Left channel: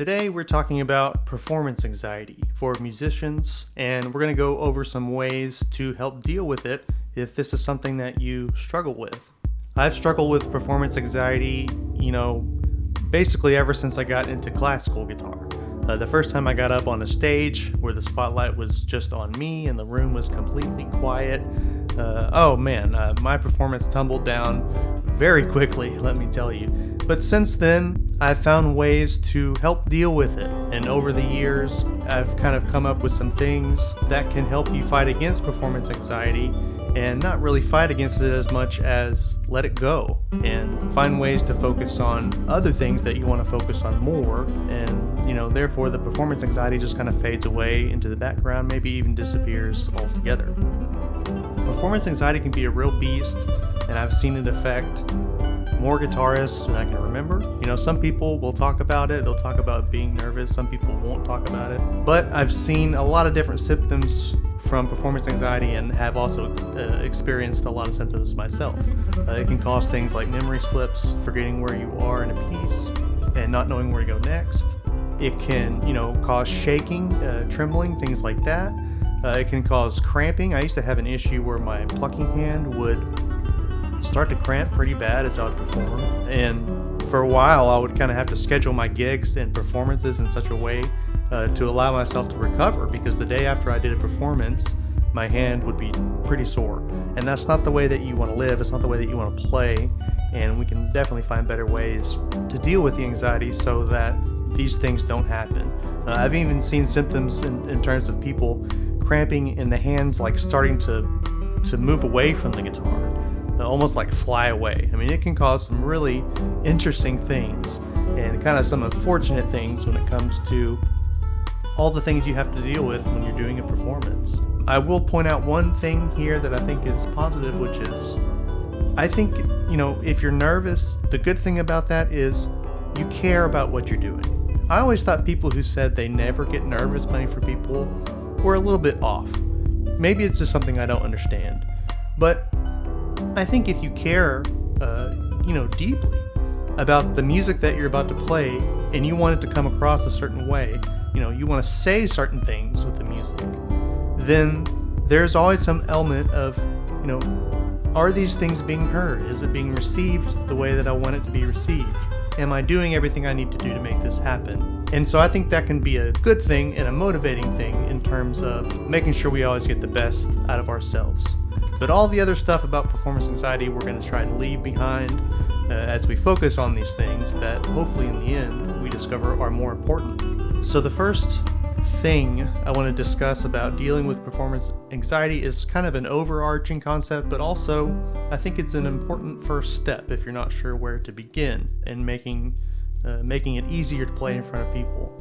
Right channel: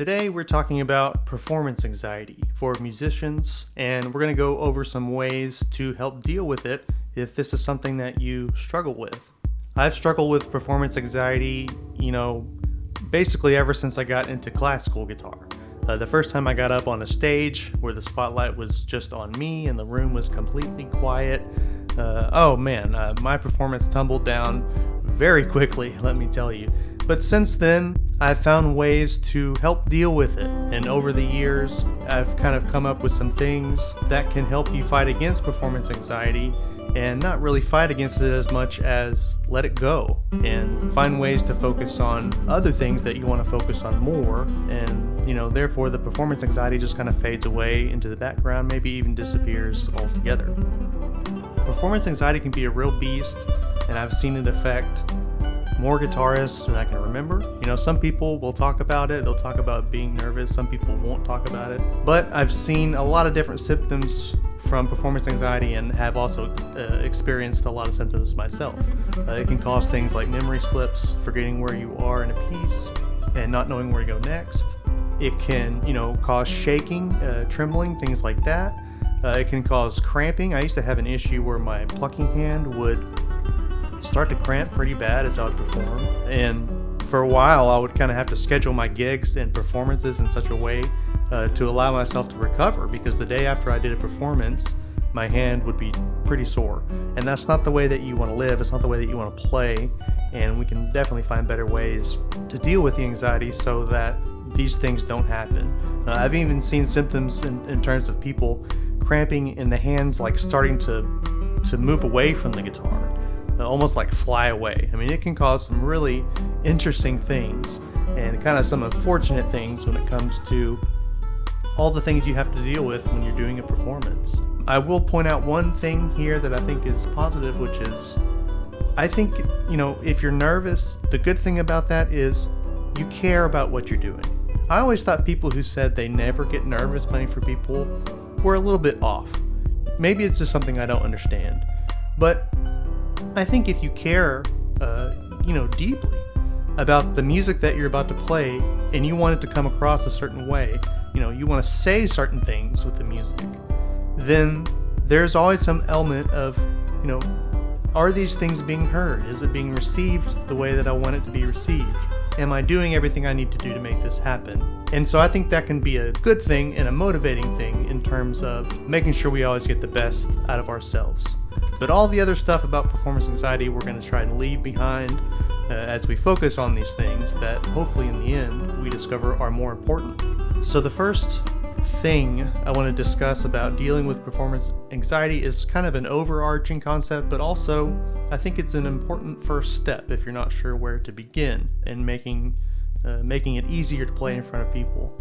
Today we're talking about performance anxiety for musicians, and we're going to go over some ways to help deal with it if this is something that you struggle with. I've struggled with performance anxiety, basically ever since I got into classical guitar. The first time I got up on a stage where the spotlight was just on me and the room was completely quiet, my performance tumbled down very quickly, let me tell you. But since then, I've found ways to help deal with it. And over the years, I've kind of come up with some things that can help you fight against performance anxiety and not really fight against it as much as let it go and find ways to focus on other things that you want to focus on more. And, therefore the performance anxiety just kind of fades away into the background, maybe even disappears altogether. Performance anxiety can be a real beast, and I've seen it affect more guitarists than I can remember. Some people will talk about it. They'll talk about being nervous. Some people won't talk about it. But I've seen a lot of different symptoms from performance anxiety and have also experienced a lot of symptoms myself. It can cause things like memory slips, forgetting where you are in a piece, and not knowing where to go next. It can, cause shaking, trembling, things like that. It can cause cramping. I used to have an issue where my plucking hand would start to cramp pretty bad as I would perform, and for a while I would kind of have to schedule my gigs and performances in such a way to allow myself to recover, because the day after I did a performance my hand would be pretty sore, and that's not the way that you want to live. It's not the way that you want to play, and we can definitely find better ways to deal with the anxiety so that these things don't happen. I've even seen symptoms in terms of people cramping in the hands, like starting to move away from the guitar, almost like fly away. I mean, it can cause some really interesting things and kind of some unfortunate things when it comes to all the things you have to deal with when you're doing a performance. I will point out one thing here that I think is positive, which is, I think, if you're nervous, the good thing about that is you care about what you're doing. I always thought people who said they never get nervous playing for people were a little bit off. Maybe it's just something I don't understand. But I think if you care, deeply about the music that you're about to play and you want it to come across a certain way, you want to say certain things with the music, then there's always some element of, are these things being heard? Is it being received the way that I want it to be received? Am I doing everything I need to do to make this happen? And so I think that can be a good thing and a motivating thing in terms of making sure we always get the best out of ourselves. But all the other stuff about performance anxiety we're going to try and leave behind as we focus on these things that hopefully in the end we discover are more important. So the first thing I want to discuss about dealing with performance anxiety is kind of an overarching concept, but also I think it's an important first step if you're not sure where to begin in making it easier to play in front of people.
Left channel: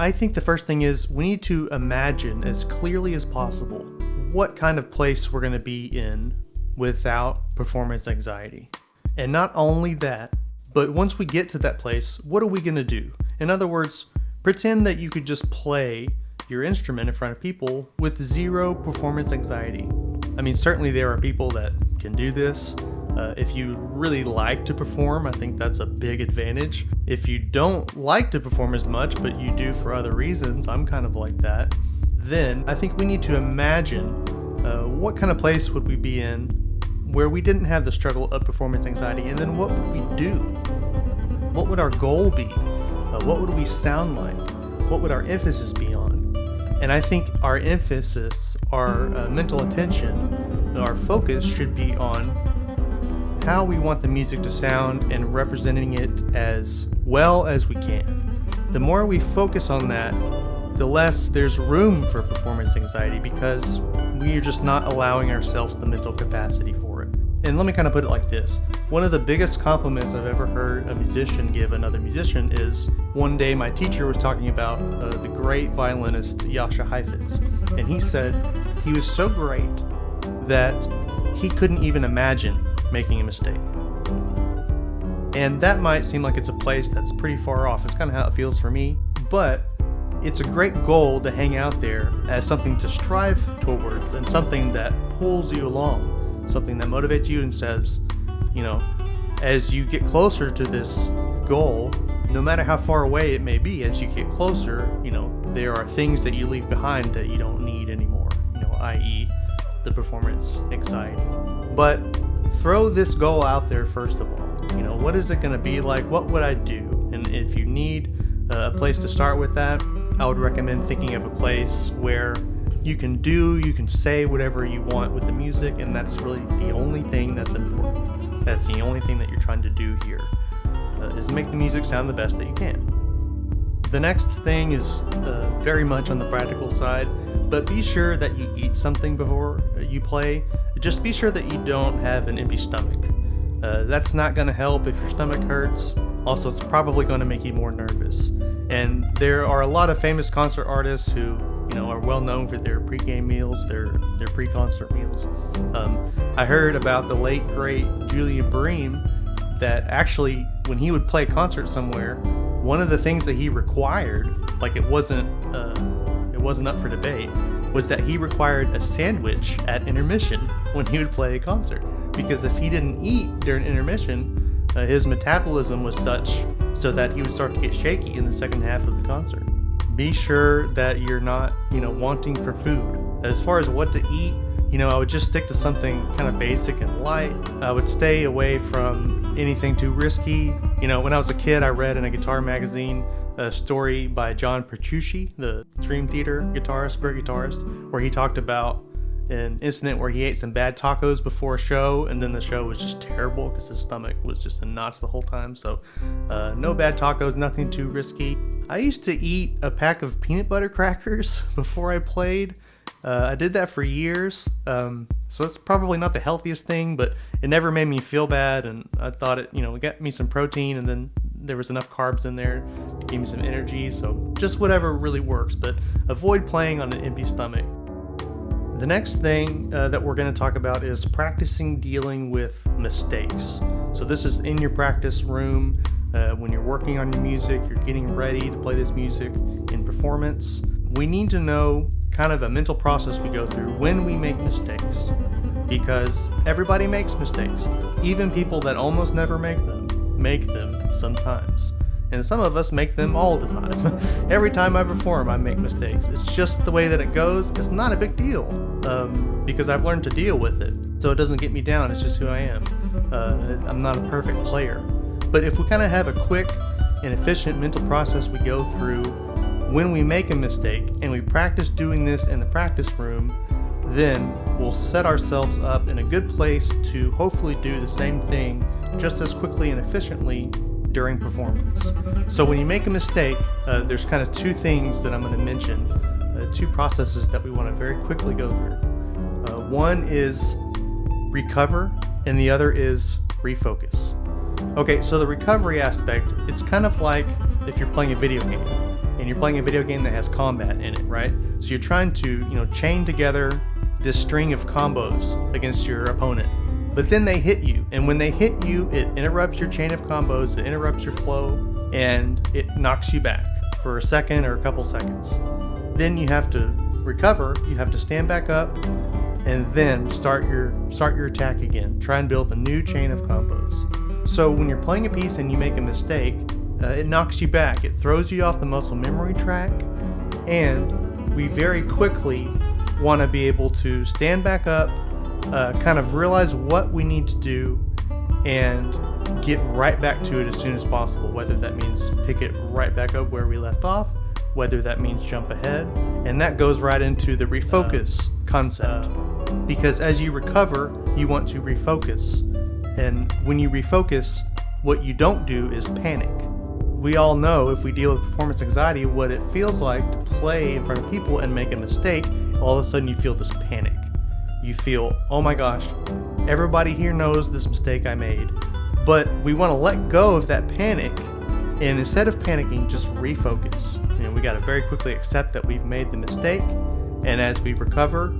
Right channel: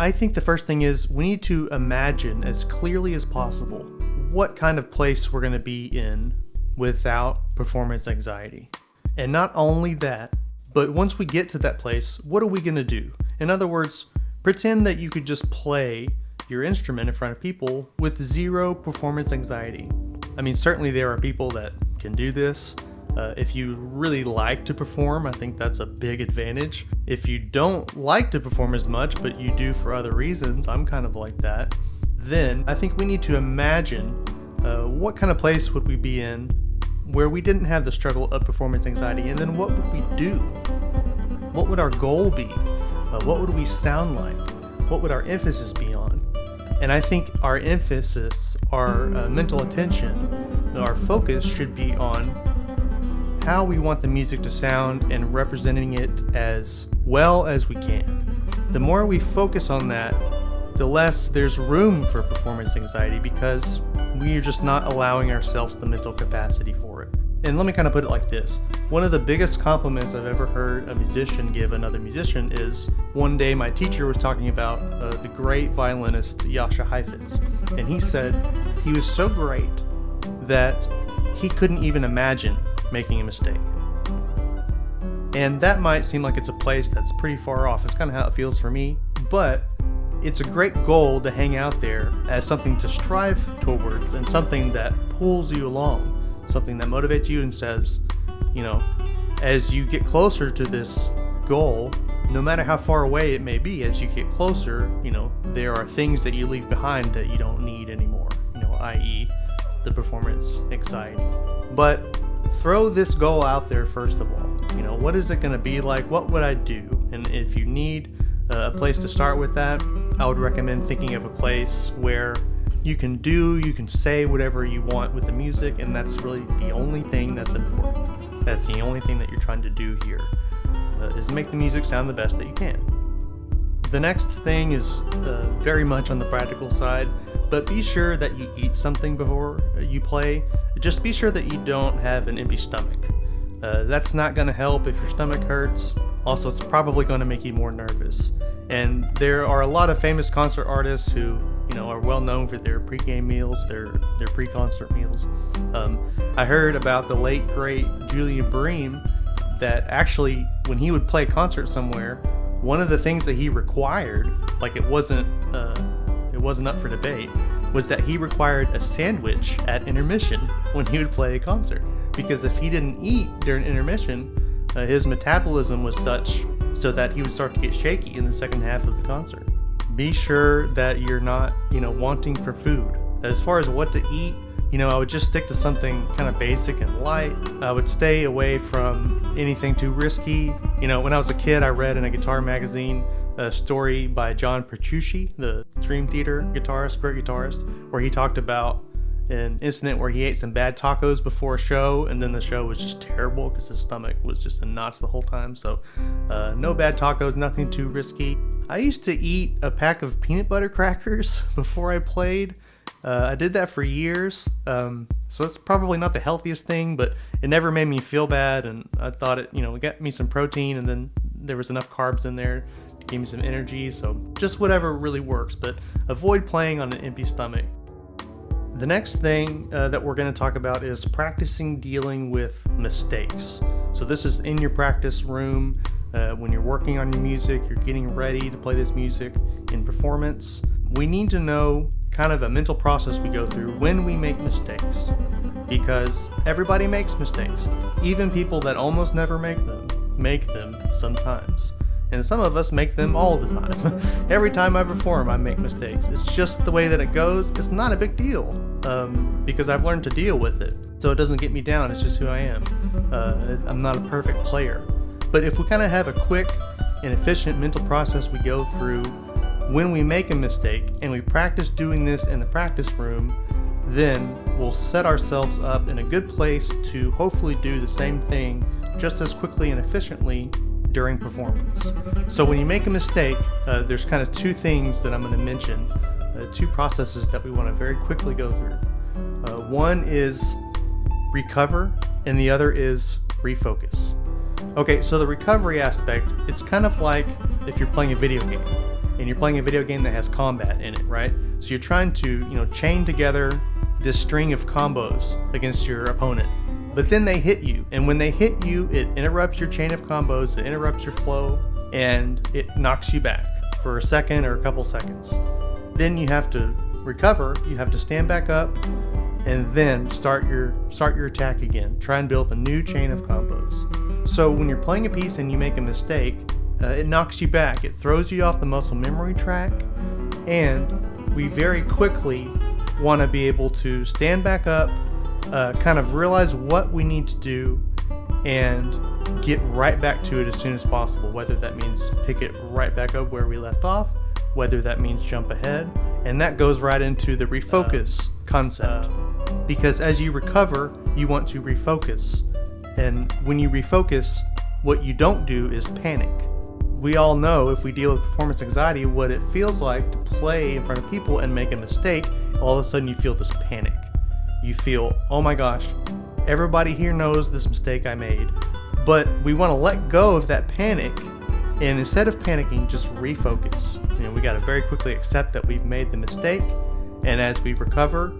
I think the first thing is we need to imagine as clearly as possible what kind of place we're going to be in without performance anxiety. And not only that, but once we get to that place, what are we going to do? In other words, pretend that you could just play your instrument in front of people with zero performance anxiety. I mean, certainly there are people that can do this. If you really like to perform, I think that's a big advantage. If you don't like to perform as much, but you do for other reasons, I'm kind of like that, then I think we need to imagine what kind of place would we be in where we didn't have the struggle of performance anxiety, and then what would we do? What would our goal be? What would we sound like? What would our emphasis be on? And I think our emphasis, our mental attention, our focus should be on how we want the music to sound and representing it as well as we can. The more we focus on that, the less there's room for performance anxiety, because we are just not allowing ourselves the mental capacity for it. And let me kind of put it like this. One of the biggest compliments I've ever heard a musician give another musician is, one day my teacher was talking about the great violinist Jascha Heifetz, and he said he was so great that he couldn't even imagine making a mistake. And that might seem like it's a place that's pretty far off. It's kind of how it feels for me, but it's a great goal to hang out there as something to strive towards and something that pulls you along, something that motivates you and says, as you get closer to this goal, no matter how far away it may be, as you get closer, there are things that you leave behind that you don't need anymore, i.e. the performance anxiety. But throw this goal out there first of all. What is it going to be like? What would I do? And if you need a place to start with that, I would recommend thinking of a place where you can say whatever you want with the music, and that's really the only thing that's important. That's the only thing that you're trying to do here, is make the music sound the best that you can. The next thing is very much on the practical side, but be sure that you eat something before you play. Just be sure that you don't have an empty stomach. That's not going to help if your stomach hurts. Also, it's probably going to make you more nervous. And there are a lot of famous concert artists who, are well known for their pre-game meals, their pre-concert meals. I heard about the late great Julian Bream that actually, when he would play a concert somewhere, one of the things that he required, like it wasn't up for debate, was that he required a sandwich at intermission when he would play a concert. Because if he didn't eat during intermission, his metabolism was such so that he would start to get shaky in the second half of the concert. Be sure that you're not, wanting for food. As far as what to eat, I would just stick to something kind of basic and light. I would stay away from anything too risky. When I was a kid, I read in a guitar magazine a story by John Petrucci, the Dream Theater guitarist, great guitarist, where he talked about an incident where he ate some bad tacos before a show, and then the show was just terrible because his stomach was just in knots the whole time. So no bad tacos, nothing too risky. I used to eat a pack of peanut butter crackers before I played. I did that for years, so it's probably not the healthiest thing, but it never made me feel bad, and I thought it got me some protein, and then there was enough carbs in there to give me some energy. So just whatever really works, but avoid playing on an empty stomach. The next thing that we're going to talk about is practicing dealing with mistakes. So this is in your practice room, when you're working on your music, you're getting ready to play this music in performance. We need to know kind of a mental process we go through when we make mistakes, because everybody makes mistakes. Even people that almost never make them sometimes. And some of us make them all the time. Every time I perform, I make mistakes. It's just the way that it goes. It's not a big deal, because I've learned to deal with it. So it doesn't get me down. It's just who I am. I'm not a perfect player. But if we kind of have a quick and efficient mental process we go through when we make a mistake, and we practice doing this in the practice room, then we'll set ourselves up in a good place to hopefully do the same thing just as quickly and efficiently during performance. So when you make a mistake, there's kind of two things that I'm going to mention, two processes that we want to very quickly go through. One is recover, and the other is refocus. Okay, so the recovery aspect, it's kind of like if you're playing a video game, and you're playing a video game that has combat in it, right? So you're trying to, chain together this string of combos against your opponent. But then they hit you, and when they hit you, it interrupts your chain of combos, it interrupts your flow, and it knocks you back for a second or a couple seconds. Then you have to recover, you have to stand back up, and then start your attack again. Try and build a new chain of combos. So when you're playing a piece and you make a mistake, it knocks you back, it throws you off the muscle memory track, and we very quickly want to be able to stand back up, kind of realize what we need to do, and get right back to it as soon as possible, whether that means pick it right back up where we left off, whether that means jump ahead. And that goes right into the refocus concept, because as you recover, you want to refocus. And when you refocus, what you don't do is panic. We all know, if we deal with performance anxiety, what it feels like to play in front of people and make a mistake. All of a sudden you feel this panic. You feel, oh my gosh, everybody here knows this mistake I made. But we want to let go of that panic, and instead of panicking, just refocus. We got to very quickly accept that we've made the mistake, and as we recover,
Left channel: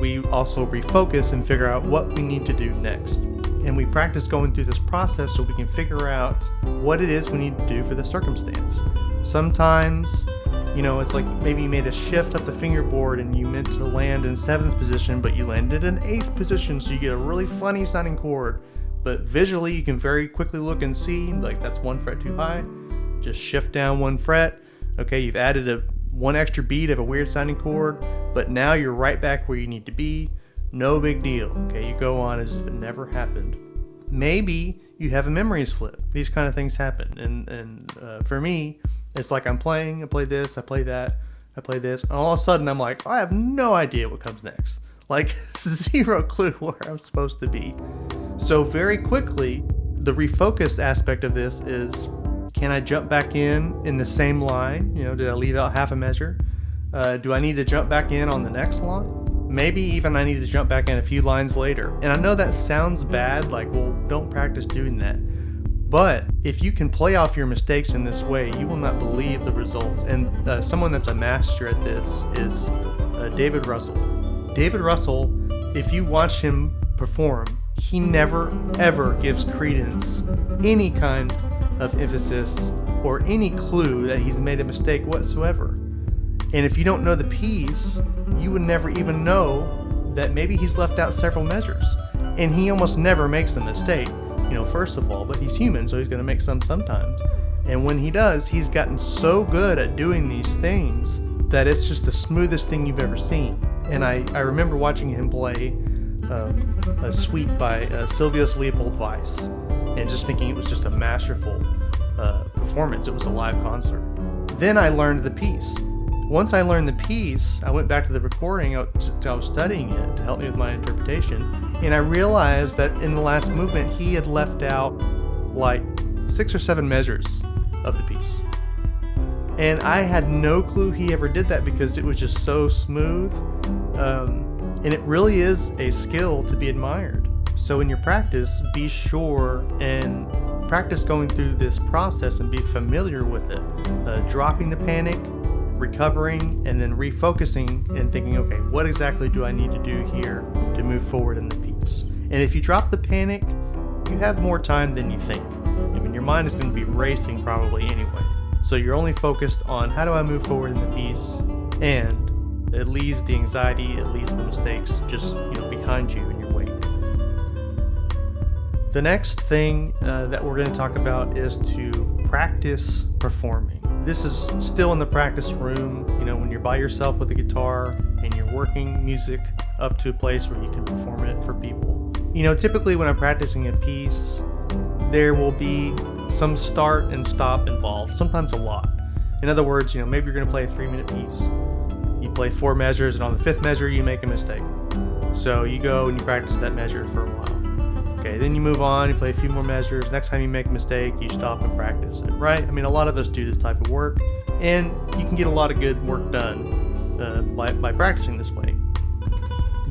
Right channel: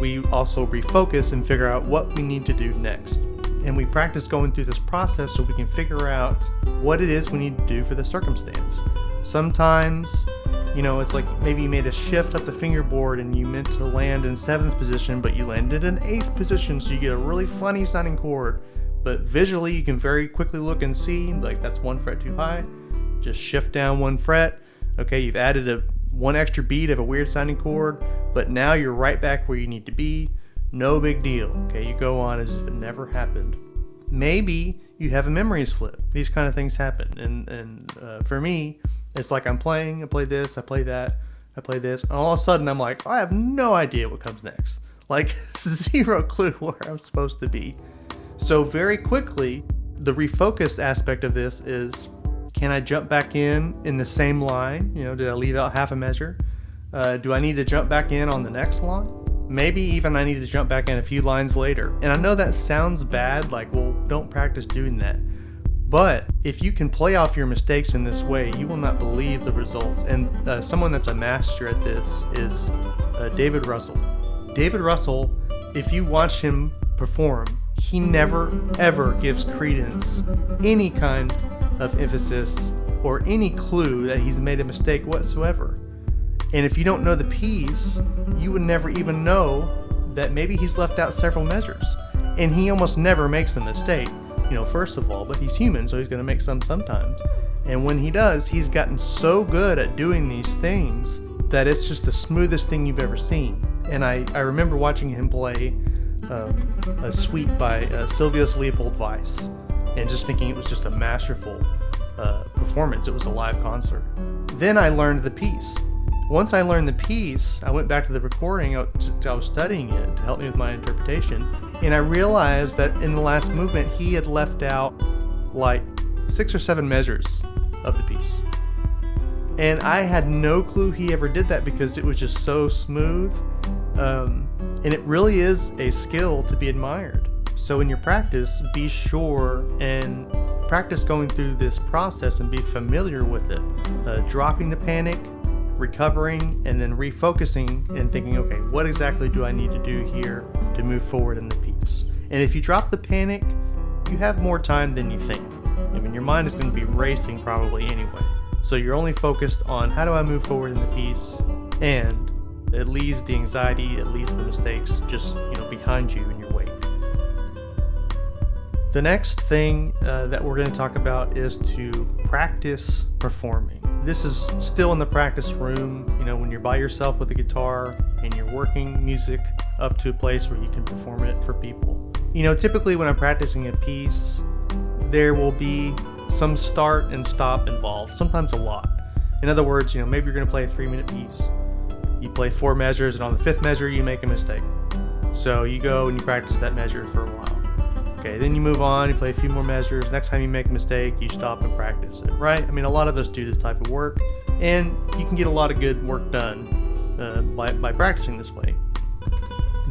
we also refocus and figure out what we need to do next. And we practice going through this process so we can figure out what it is we need to do for the circumstance. Sometimes, it's like maybe you made a shift up the fingerboard and you meant to land in 7th position, but you landed in 8th position, so you get a really funny sounding chord. But visually, you can very quickly look and see, like, that's 1 fret too high. Just shift down one fret. Okay, you've added one extra beat of a weird sounding chord, but now you're right back where you need to be. No big deal. Okay, you go on as if it never happened. Maybe you have a memory slip. These kind of things happen. And for me, it's like I play this, I play that, I play this, and all of a sudden I'm like, I have no idea what comes next. Like, zero clue where I'm supposed to be. So very quickly, the refocus aspect of this is, can I jump back in the same line? Did I leave out half a measure? Do I need to jump back in on the next line? Maybe even I need to jump back in a few lines later. And I know that sounds bad, like, well, don't practice doing that. But if you can play off your mistakes in this way, you will not believe the results. And someone that's a master at this is David Russell. David Russell, if you watch him perform, he never ever gives credence, any kind of emphasis, or any clue that he's made a mistake whatsoever. And if you don't know the piece, you would never even know that maybe he's left out several measures. And he almost never makes a mistake, first of all, but he's human, so he's going to make some sometimes. And when he does, he's gotten so good at doing these things that it's just the smoothest thing you've ever seen. And I remember watching him play a suite by Sylvius Leopold Weiss, and just thinking it was just a masterful performance. It was a live concert. Then I learned the piece. Once I learned the piece, I went back to the recording. I was studying it to help me with my interpretation, and I realized that in the last movement he had left out like 6 or 7 measures of the piece. And I had no clue he ever did that because it was just so smooth. And it really is a skill to be admired. So in your practice, be sure and practice going through this process and be familiar with it. Dropping the panic, recovering, and then refocusing and thinking, okay, what exactly do I need to do here to move forward in the piece? And if you drop the panic, you have more time than you think. Your mind is going to be racing probably anyway. So you're only focused on how do I move forward in the piece, and it leaves the anxiety, it leaves the mistakes just behind you in your wake. The next thing that we're going to talk about is to practice performing. This is still in the practice room, when you're by yourself with a guitar and you're working music up to a place where you can perform it for people. Typically when I'm practicing a piece, there will be some start and stop involved, sometimes a lot. In other words, maybe you're going to play a 3-minute piece. You play 4 measures, and on the 5th measure, you make a mistake. So you go and you practice that measure for a while. Okay, then you move on, you play a few more measures. Next time you make a mistake, you stop and practice it, right? A lot of us do this type of work, and you can get a lot of good work done by practicing this way.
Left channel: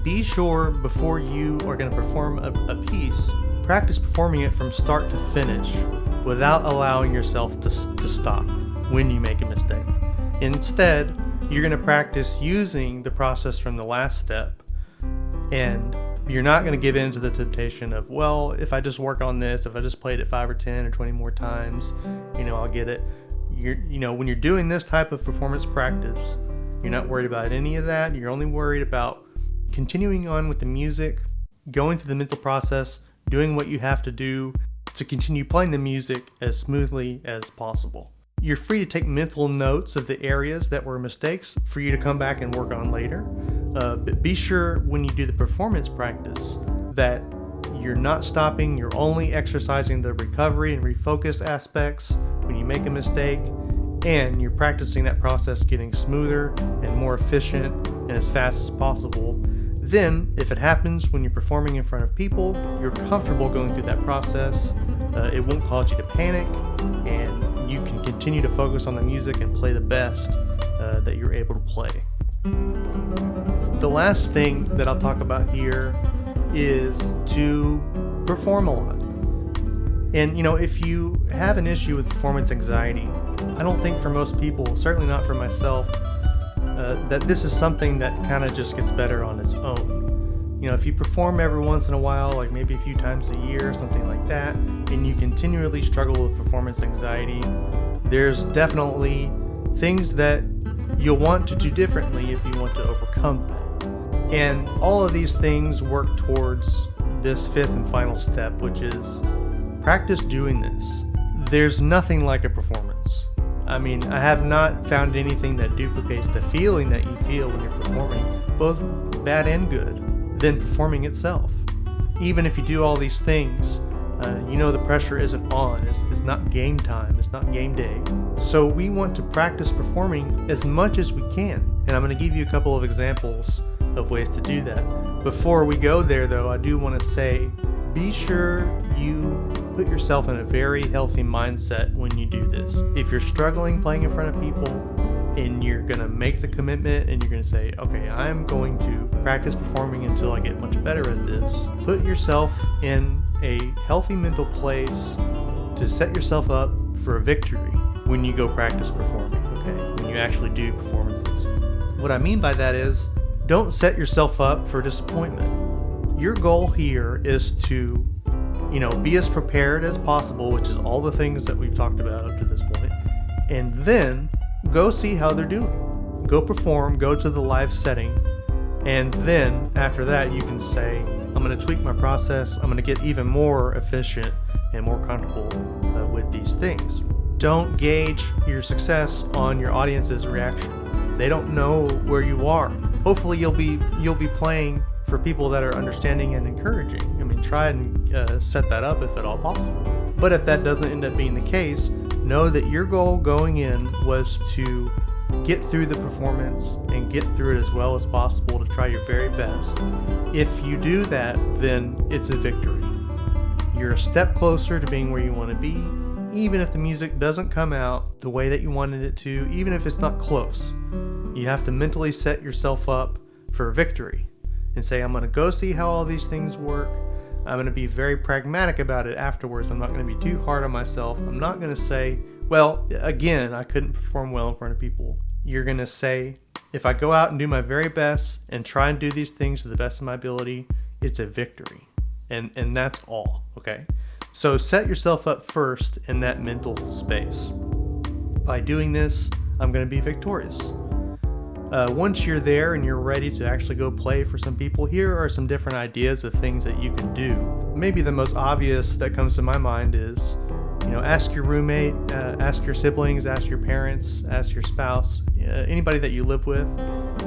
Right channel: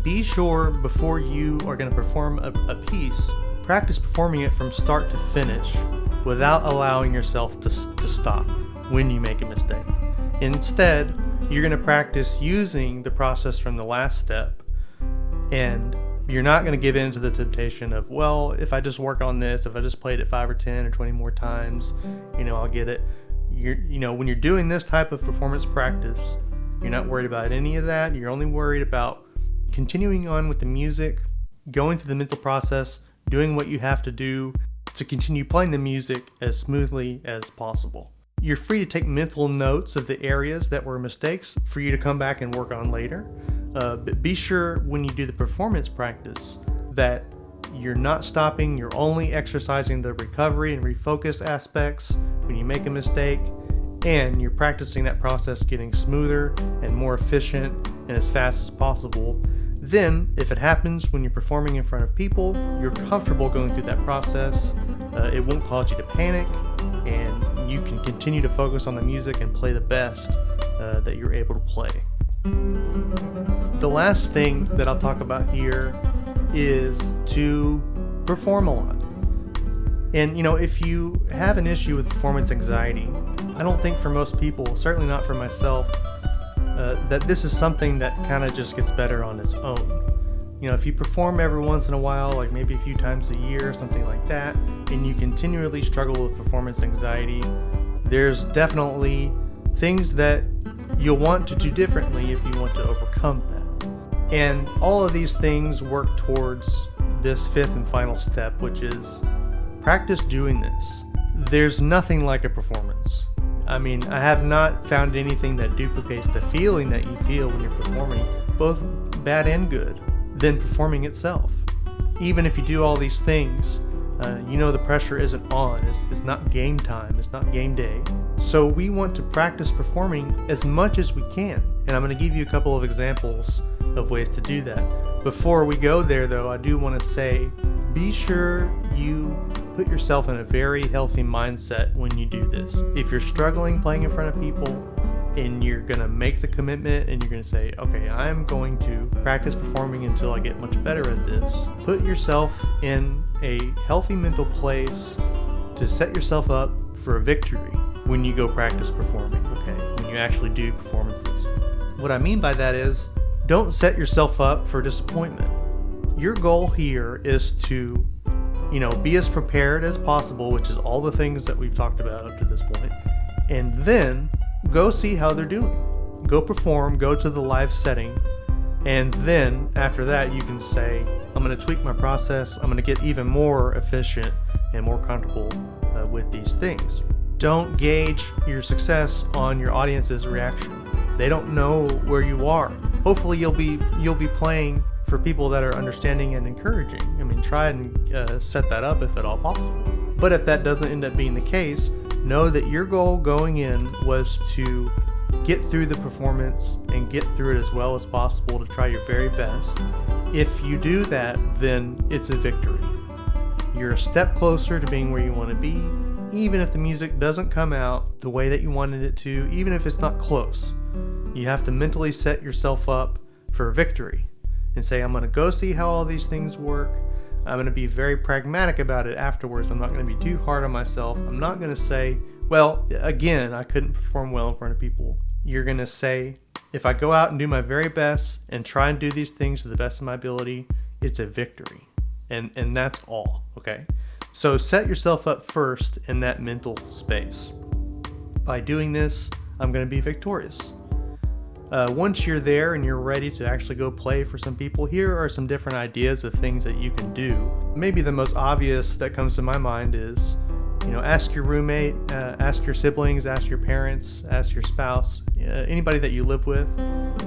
Be sure before you are going to perform a piece, practice performing it from start to finish without allowing yourself to stop when you make a mistake. Instead, you're going to practice using the process from the last step, and you're not going to give in to the temptation of, well, if I just work on this, if I just played it 5 or 10 or 20 more times, I'll get it. When you're doing this type of performance practice, you're not worried about any of that. You're only worried about continuing on with the music, going through the mental process, doing what you have to do to continue playing the music as smoothly as possible. You're free to take mental notes of the areas that were mistakes for you to come back and work on later. But be sure when you do the performance practice that you're not stopping, you're only exercising the recovery and refocus aspects when you make a mistake, and you're practicing that process getting smoother and more efficient and as fast as possible. Then, if it happens when you're performing in front of people, you're comfortable going through that process. It won't cause you to panic, and you can continue to focus on the music and play the best that you're able to play. The last thing that I'll talk about here is to perform a lot. And if you have an issue with performance anxiety, I don't think for most people, certainly not for myself, that this is something that kind of just gets better on its own. If you perform every once in a while, like maybe a few times a year, something like that, and you continually struggle with performance anxiety, there's definitely things that you'll want to do differently if you want to overcome that. And all of these things work towards this 5th and final step, which is practice doing this. there's nothing like a performance. I mean, I have not found anything that duplicates the feeling that you feel when you're performing, both bad and good, than performing itself. Even if you do all these things, you know the pressure isn't on. It's not game time. It's not game day. So we want to practice performing as much as we can. And I'm going to give you a couple of examples of ways to do that. Before we go there, though, I do want to say, be sure you put yourself in a very healthy mindset when you do this. If you're struggling playing in front of people and you're going to make the commitment and you're going to say, okay, I'm going to practice performing until I get much better at this, put yourself in a healthy mental place to set yourself up for a victory when you go practice performing, okay? When you actually do performances. What I mean by that is, don't set yourself up for disappointment. Your goal here is to, be as prepared as possible, which is all the things that we've talked about up to this point, and then go see how they're doing. Go perform, go to the live setting, and then after that you can say, I'm going to tweak my process, I'm going to get even more efficient and more comfortable with these things. Don't gauge your success on your audience's reaction. They don't know where you are. Hopefully you'll be playing for people that are understanding and encouraging. I mean, try and set that up if at all possible. But if that doesn't end up being the case, know that your goal going in was to get through the performance and get through it as well as possible to try your very best. If you do that, then it's a victory. You're a step closer to being where you want to be, even if the music doesn't come out the way that you wanted it to, even if it's not close. You have to mentally set yourself up for a victory and say, I'm going to go see how all these things work. I'm going to be very pragmatic about it afterwards. I'm not going to be too hard on myself. I'm not going to say, well, again, I couldn't perform well in front of people. You're going to say, if I go out and do my very best and try and do these things to the best of my ability, it's a victory. And that's all, okay? So set yourself up first in that mental space. By doing this, I'm going to be victorious. Once you're there and you're ready to actually go play for some people, here are some different ideas of things that you can do. Maybe the most obvious that comes to my mind is, ask your roommate, ask your siblings, ask your parents, ask your spouse, anybody that you live with,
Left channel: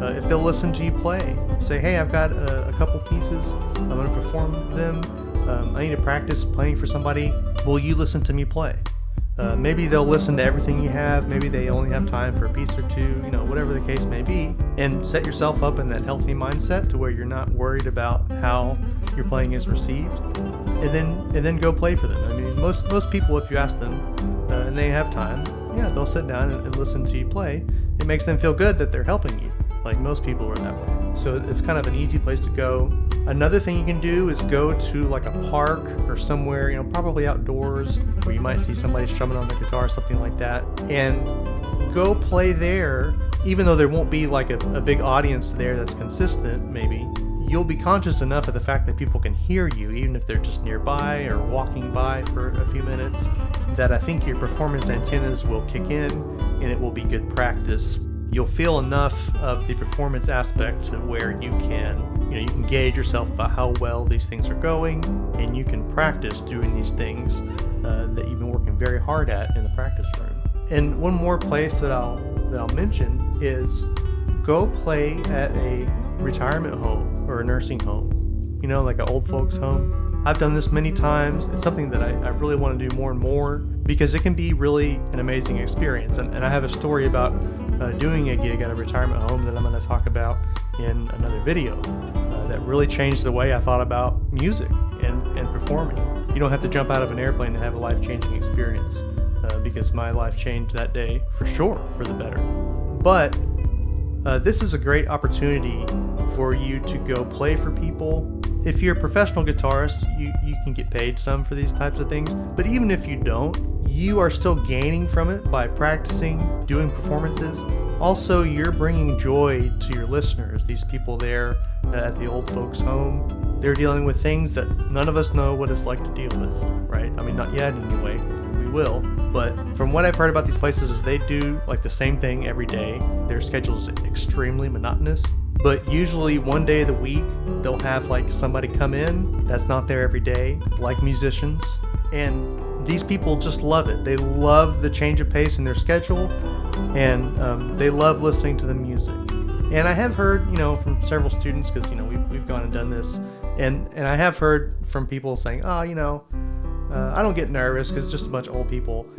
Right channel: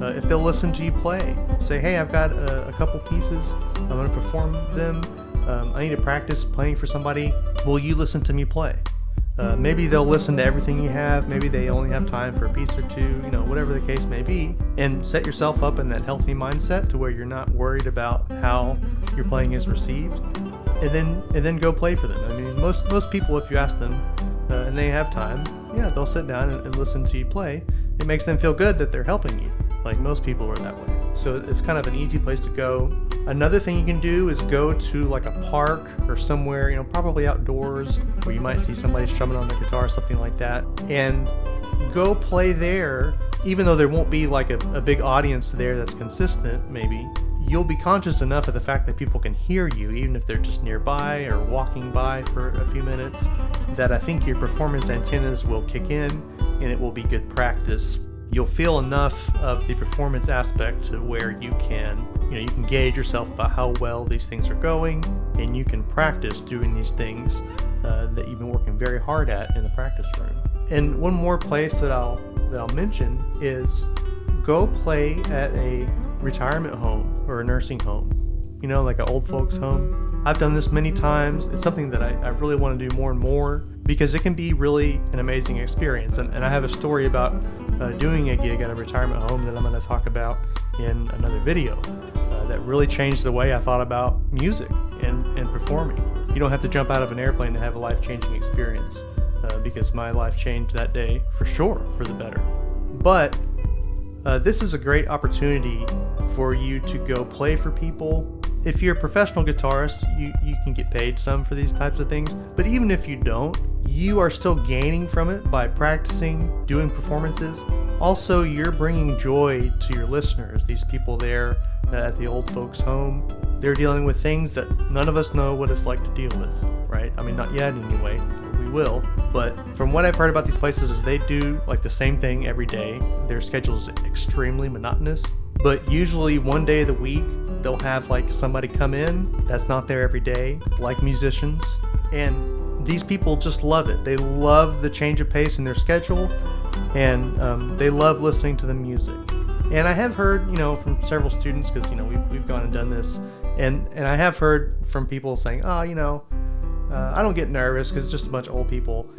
if they'll listen to you play. Say, hey, I've got a couple pieces, I'm going to perform them, I need to practice playing for somebody, will you listen to me play? Maybe they'll listen to everything you have, maybe they only have time for a piece or two, whatever the case may be, and set yourself up in that healthy mindset to where you're not worried about how your playing is received, and then go play for them. I mean, most people, if you ask them, and they have time, yeah, they'll sit down and listen to you play. It makes them feel good that they're helping you. Like most people are that way. So it's kind of an easy place to go. Another thing you can do is go to like a park or somewhere, probably outdoors, where you might see somebody strumming on the guitar, something like that, and go play there. Even though there won't be like a big audience there that's consistent, maybe, you'll be conscious enough of the fact that people can hear you, even if they're just nearby or walking by for a few minutes, that I think your performance antennas will kick in and it will be good practice. You'll feel enough of the performance aspect to where you can gauge yourself about how well these things are going, and you can practice doing these things that you've been working very hard at in the practice room. And one more place that I'll mention is go play at a retirement home or a nursing home, like an old folks home. I've done this many times. It's something that I really want to do more and more because it can be really an amazing experience. And I have a story about doing a gig at a retirement home that I'm going to talk about in another video that really changed the way I thought about music and performing. You don't have to jump out of an airplane to have a life-changing experience because my life changed that day for sure for the better. But this is a great opportunity for you to go play for people. If you're a professional guitarist, you can get paid some for these types of things. But even if you don't, you are still gaining from it by practicing, doing performances. Also, you're bringing joy to your listeners. These people there at the old folks home, they're dealing with things that none of us know what it's like to deal with, right? I mean, not yet anyway. We will. But from what I've heard about these places is they do like the same thing every day. Their schedule is extremely monotonous. But usually one day of the week, they'll have like somebody come in that's not there every day, like musicians. And these people just love it. They love the change of pace in their schedule, and they love listening to the music. And I have heard, from several students, because, we've gone and done this, and I have heard from people saying, I don't get nervous because it's just a bunch of old people.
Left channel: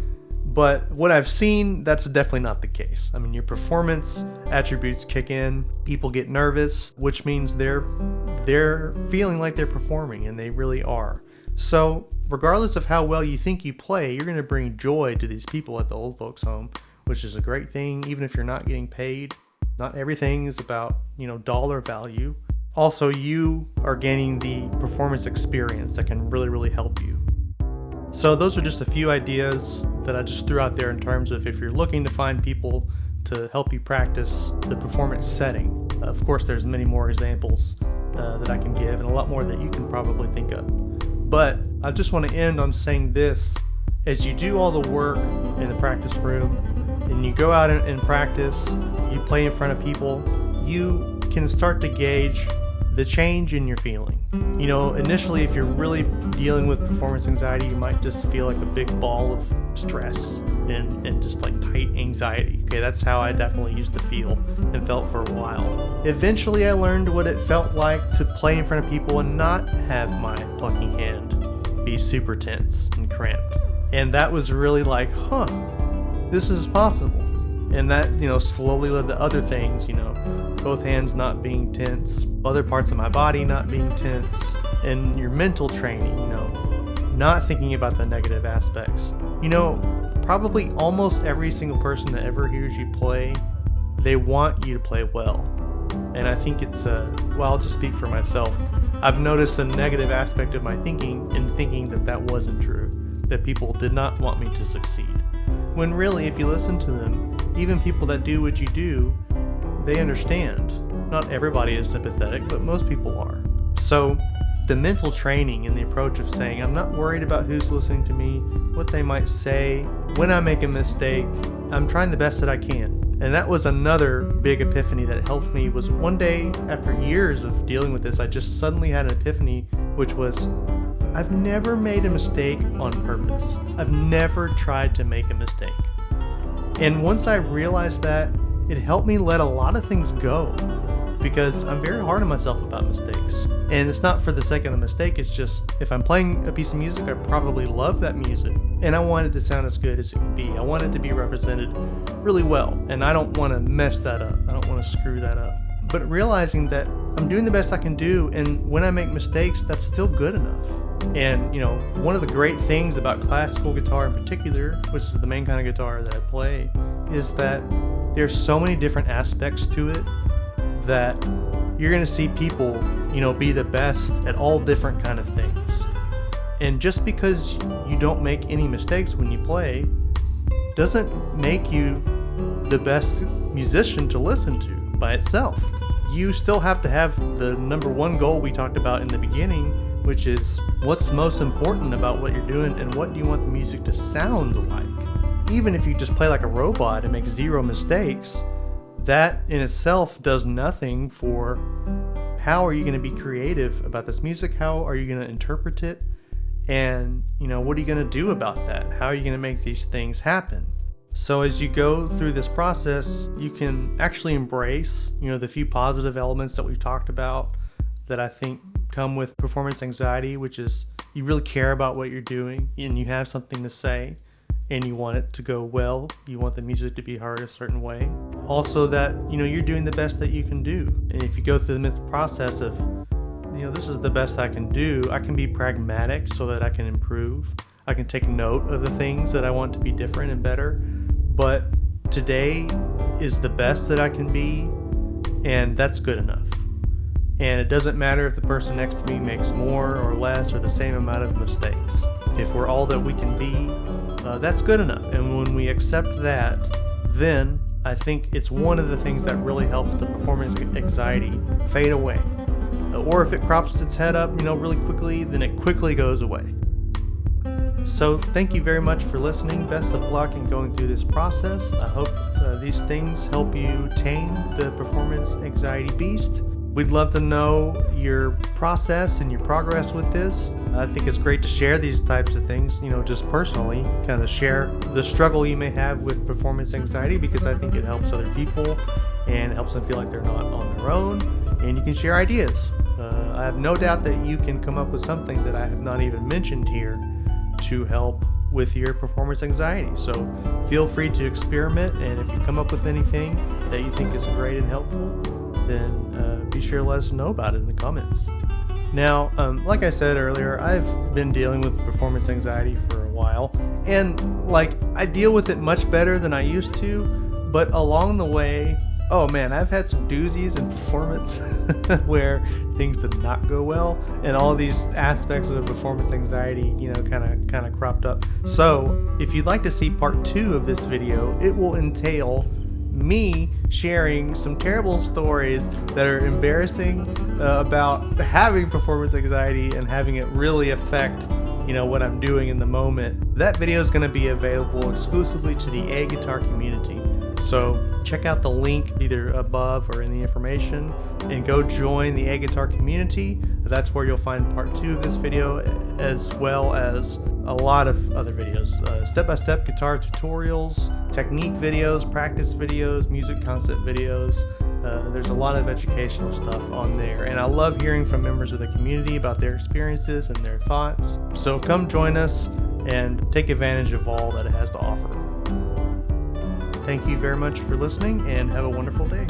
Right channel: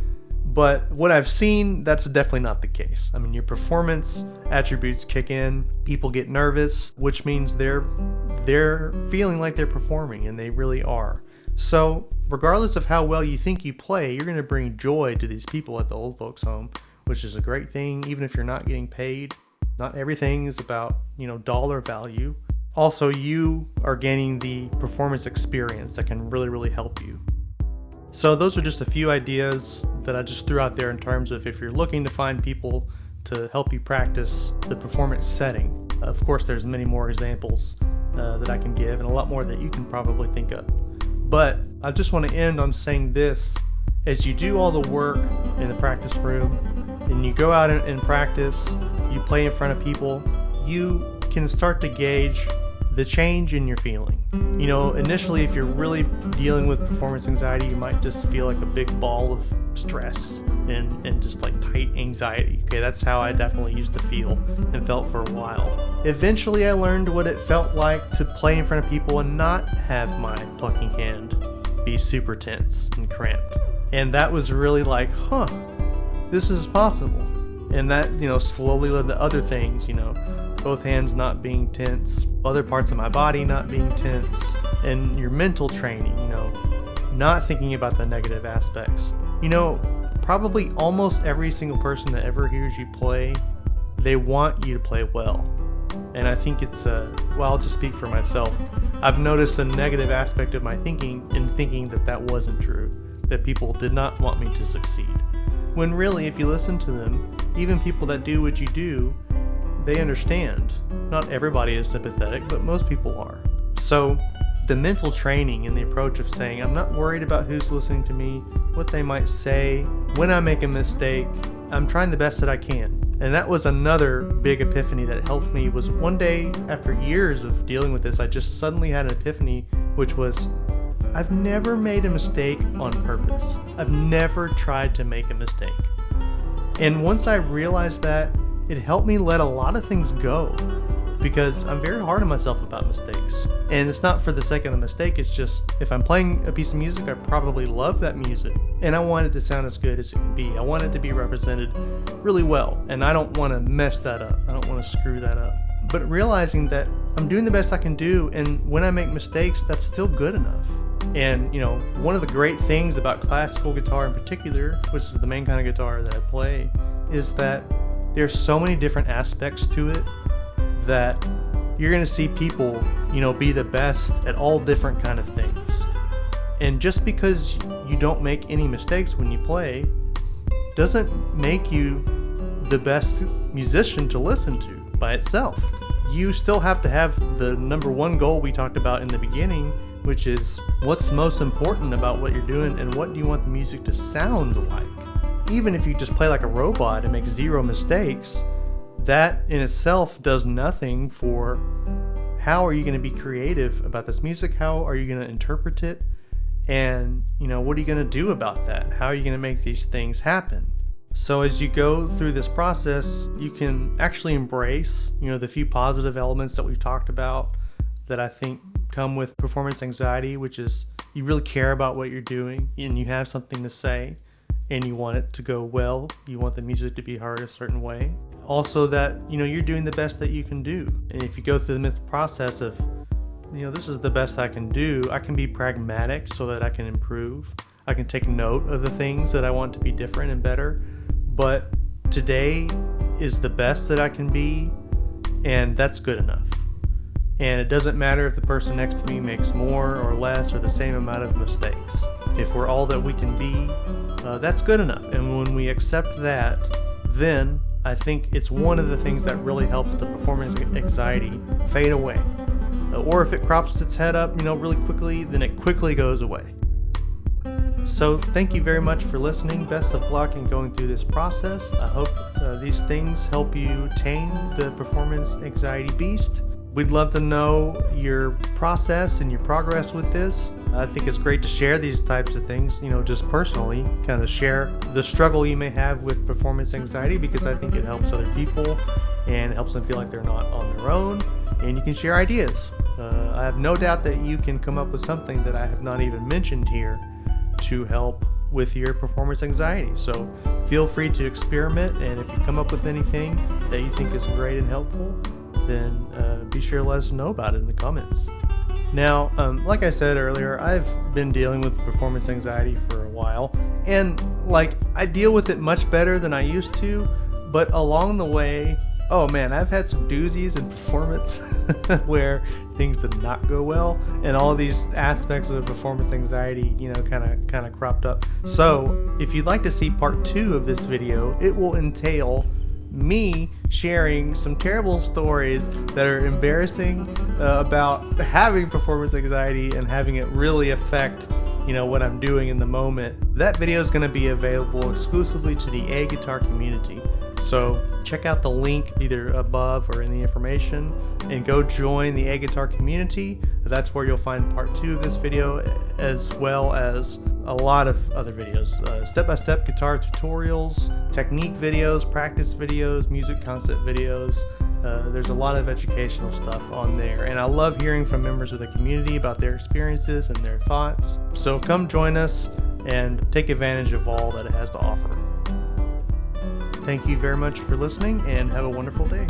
But what I've seen, that's definitely not the case. I mean, your performance attributes kick in, people get nervous, which means they're feeling like they're performing, and they really are. So regardless of how well you think you play, you're going to bring joy to these people at the old folks home, which is a great thing, even if you're not getting paid. Not everything is about, dollar value. Also, you are gaining the performance experience that can really, really help you. So those are just a few ideas that I just threw out there in terms of if you're looking to find people to help you practice the performance setting. Of course, there's many more examples that I can give, and a lot more that you can probably think of. But I just want to end on saying this. As you do all the work in the practice room, and you go out and practice, you play in front of people, you can start to gauge the change in your feeling. Initially, if you're really dealing with performance anxiety, you might just feel like a big ball of stress and just like tight anxiety. Okay, that's how I definitely used to feel and felt for a while. Eventually, I learned what it felt like to play in front of people and not have my plucking hand be super tense and cramped. And that was really like, this is possible. And that, slowly led to other things, both hands not being tense, other parts of my body not being tense, and your mental training, not thinking about the negative aspects. Probably almost every single person that ever hears you play, they want you to play well. And I think it's, I'll just speak for myself. I've noticed a negative aspect of my thinking in thinking that wasn't true, that people did not want me to succeed. When really, if you listen to them, even people that do what you do, they understand. Not everybody is sympathetic, but most people are. So the mental training and the approach of saying, I'm not worried about who's listening to me, what they might say. When I make a mistake, I'm trying the best that I can. And that was another big epiphany that helped me. Was one day, after years of dealing with this, I just suddenly had an epiphany, which was, I've never made a mistake on purpose. I've never tried to make a mistake. And once I realized that, it helped me let a lot of things go, because I'm very hard on myself about mistakes. And it's not for the sake of the mistake, it's just, if I'm playing a piece of music, I probably love that music, and I want it to sound as good as it can be. I want it to be represented really well, and I don't want to mess that up. I don't want to screw that up. But realizing that I'm doing the best I can do, and when I make mistakes, that's still good enough. And, one of the great things about classical guitar in particular, which is the main kind of guitar that I play, is that there's so many different aspects to it that you're going to see people, be the best at all different kind of things. And just because you don't make any mistakes when you play doesn't make you the best musician to listen to by itself. You still have to have the number one goal we talked about in the beginning, which is what's most important about what you're doing and what do you want the music to sound like. Even if you just play like a robot and make zero mistakes, that in itself does nothing for how are you going to be creative about this music? How are you going to interpret it? And, what are you going to do about that? How are you going to make these things happen? So as you go through this process, you can actually embrace, the few positive elements that we've talked about that I think come with performance anxiety, which is you really care about what you're doing and you have something to say. And you want it to go well, you want the music to be heard a certain way. Also that, you're doing the best that you can do. And if you go through the process of, this is the best I can do, I can be pragmatic so that I can improve. I can take note of the things that I want to be different and better. But today is the best that I can be, and that's good enough. And it doesn't matter if the person next to me makes more or less or the same amount of mistakes. If we're all that we can be, that's good enough. And when we accept that, then I think it's one of the things that really helps the performance anxiety fade away. Or if it crops its head up, really quickly, then it quickly goes away. So thank you very much for listening. Best of luck in going through this process. I hope these things help you tame the performance anxiety beast. We'd love to know your process and your progress with this. I think it's great to share these types of things, just personally, kind of share the struggle you may have with performance anxiety, because I think it helps other people and it helps them feel like they're not on their own, and you can share ideas. I have no doubt that you can come up with something that I have not even mentioned here to help with your performance anxiety. So feel free to experiment, and if you come up with anything that you think is great and helpful, then be sure to let us know about it in the comments. Now, like I said earlier, I've been dealing with performance anxiety for a while, and I deal with it much better than I used to, but along the way, oh man, I've had some doozies in performance where things did not go well, and all these aspects of performance anxiety, kind of cropped up. So if you'd like to see part 2 of this video, it will entail me sharing some terrible stories that are embarrassing about having performance anxiety and having it really affect what I'm doing in the moment. That video is going to be available exclusively to the A guitar community. So check out the link either above or in the information and go join the A guitar community. That's where you'll find part 2 of this video, as well as a lot of other videos, step-by-step guitar tutorials, technique videos, practice videos, music concept videos. There's a lot of educational stuff on there, and I love hearing from members of the community about their experiences and their thoughts. So come join us and take advantage of all that it has to offer. Thank you very much for listening, and have a wonderful day.